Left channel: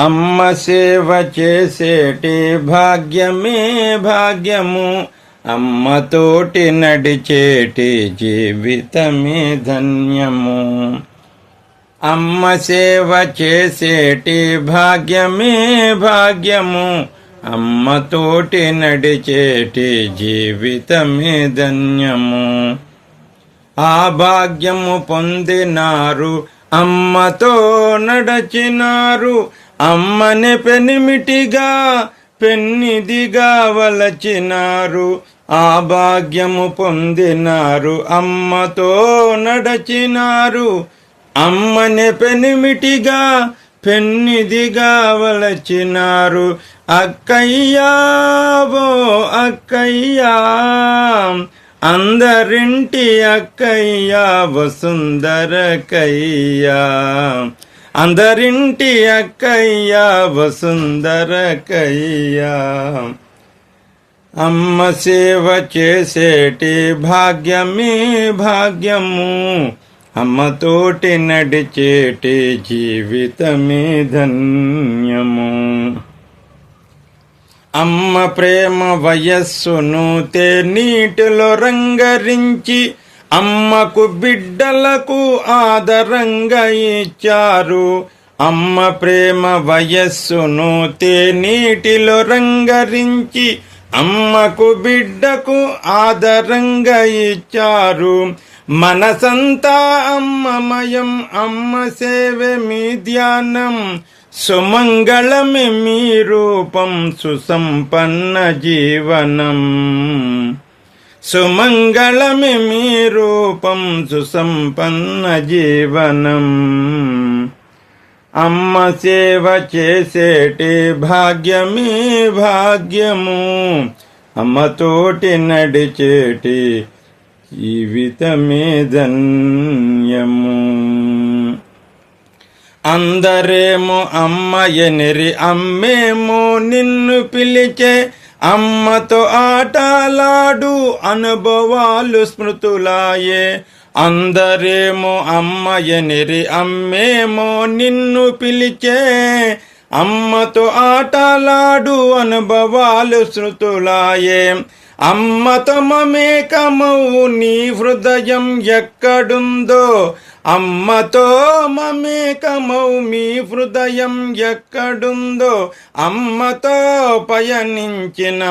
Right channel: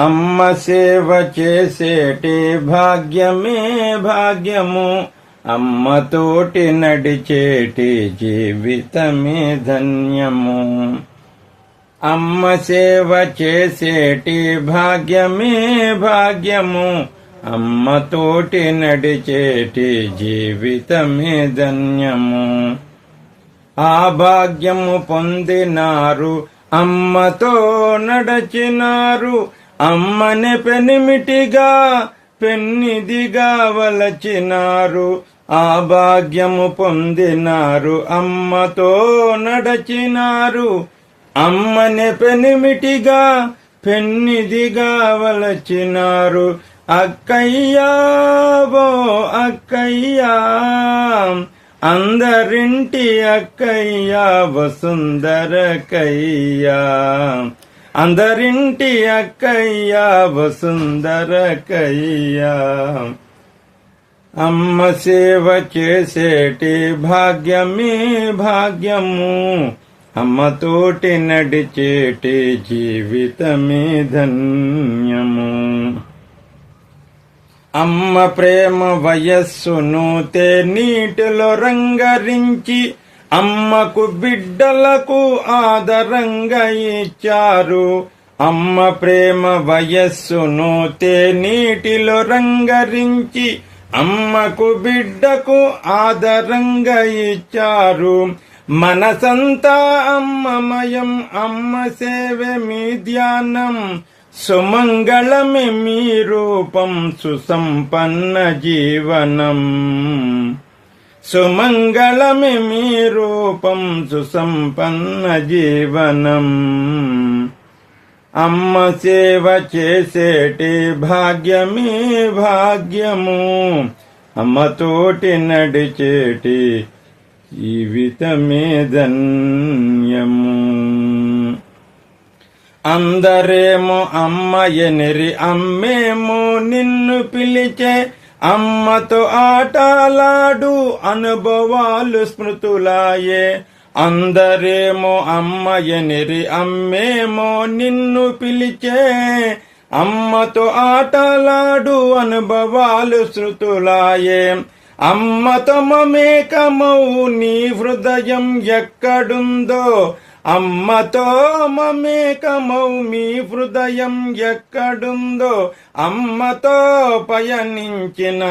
అమ్మ సేవ చేసేటి భాగ్యమే భాగ్యము. అమ్మతోటి నడిచేటి జీవితమే ధన్యము. అమ్మ సేవ చేసేటి భాగ్యమే భాగ్యము. అమ్మతోటి నడిచేటి జీవితమే ధన్యము. ఆ భాగ్యము పొందినారు. అమ్మతో నడచినారు. అమ్మనే పెనిమిటిగా పెన్నిదిగా వలచినారు. ఆ భాగ్యము పొందినారు అమ్మతో నడచినారు. అమ్మనే పెనిమిటిగా పెన్నిదిగా వలచినారు. అక్కయ్యా అక్కయ్యా అందరింటి అక్కయ్యా వసుందరకయ్యా అందరింటి అక్కయ్యా వసుందరకయ్యా అమ్మ సేవ చేసేటి భాగ్యమే భాగ్యము. అమ్మతోటి నడిచేటి జీవితమే ధన్యము. అమ్మ ప్రేమ వయస్సును తే నీటిలో రంగరించి అమ్మకు బిడ్డలకు ఆదరంగా ఇచ్చారు. అమ్మ ప్రేమ వయస్సును తేనీటిలో రంగరించి అమ్మకు బిడ్డకు ఆదరంగా ఇచ్చారు. మనసంతా అమ్మమయం అమ్మ సేవే మీ ధ్యానం. సుమంగళమే మీ రూపం సుసంపన్న జీవనం. సుమంగళమి మీ రూపం సుసంపన్న జీవనం. అమ్మ సేవ చేసేటి భాగ్యమే భాగ్యము. అమ్మతోటి నడిచేటి జీవితమే ధన్యము. అందరేమో అమ్మయనిరి అమ్మేమో నిన్ను పిలిచే అమ్మతో ఆటలాడు అనుభవాలు స్మృతులాయే. అందరేమో అమ్మయనిరి అమ్మేమో నిన్ను పిలిచే. అమ్మతో ఆటలాడు అనుభవాలు శృతులాయే అమ్మతో మమేకమౌ నీ హృదయం ఎక్కడుందో. అమ్మతో మమేకమౌ మీ హృదయం ఎక్కడుందో అమ్మతో పయనించిన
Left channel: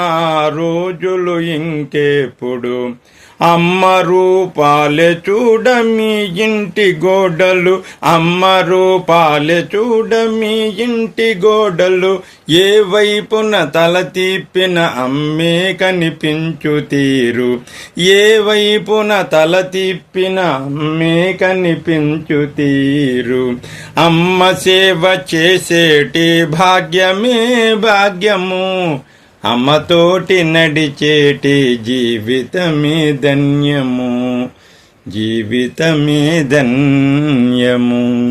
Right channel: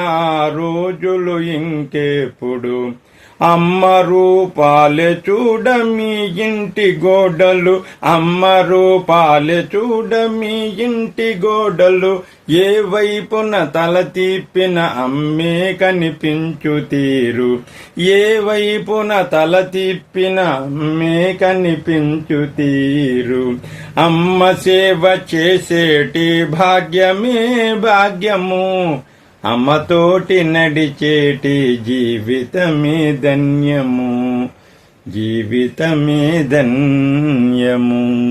రోజులు ఇంకెప్పుడు. అమ్మ రూపాలే చూడ మీ ఇంటి గోడలు. అమ్మ రూపాలే చూడ మీ ఇంటి గోడలు. ఏ వైపున తల తిప్పిన అమ్మే కనిపించు తీరు. ఏ వైపున తల తిప్పిన అమ్మే కనిపించు తీరు. అమ్మ సేవ చేసేటి భాగ్యమే భాగ్యము. అమ్మతోటి నడిచేటి జీవితమే ధన్యము. జీవితమే ధన్యము.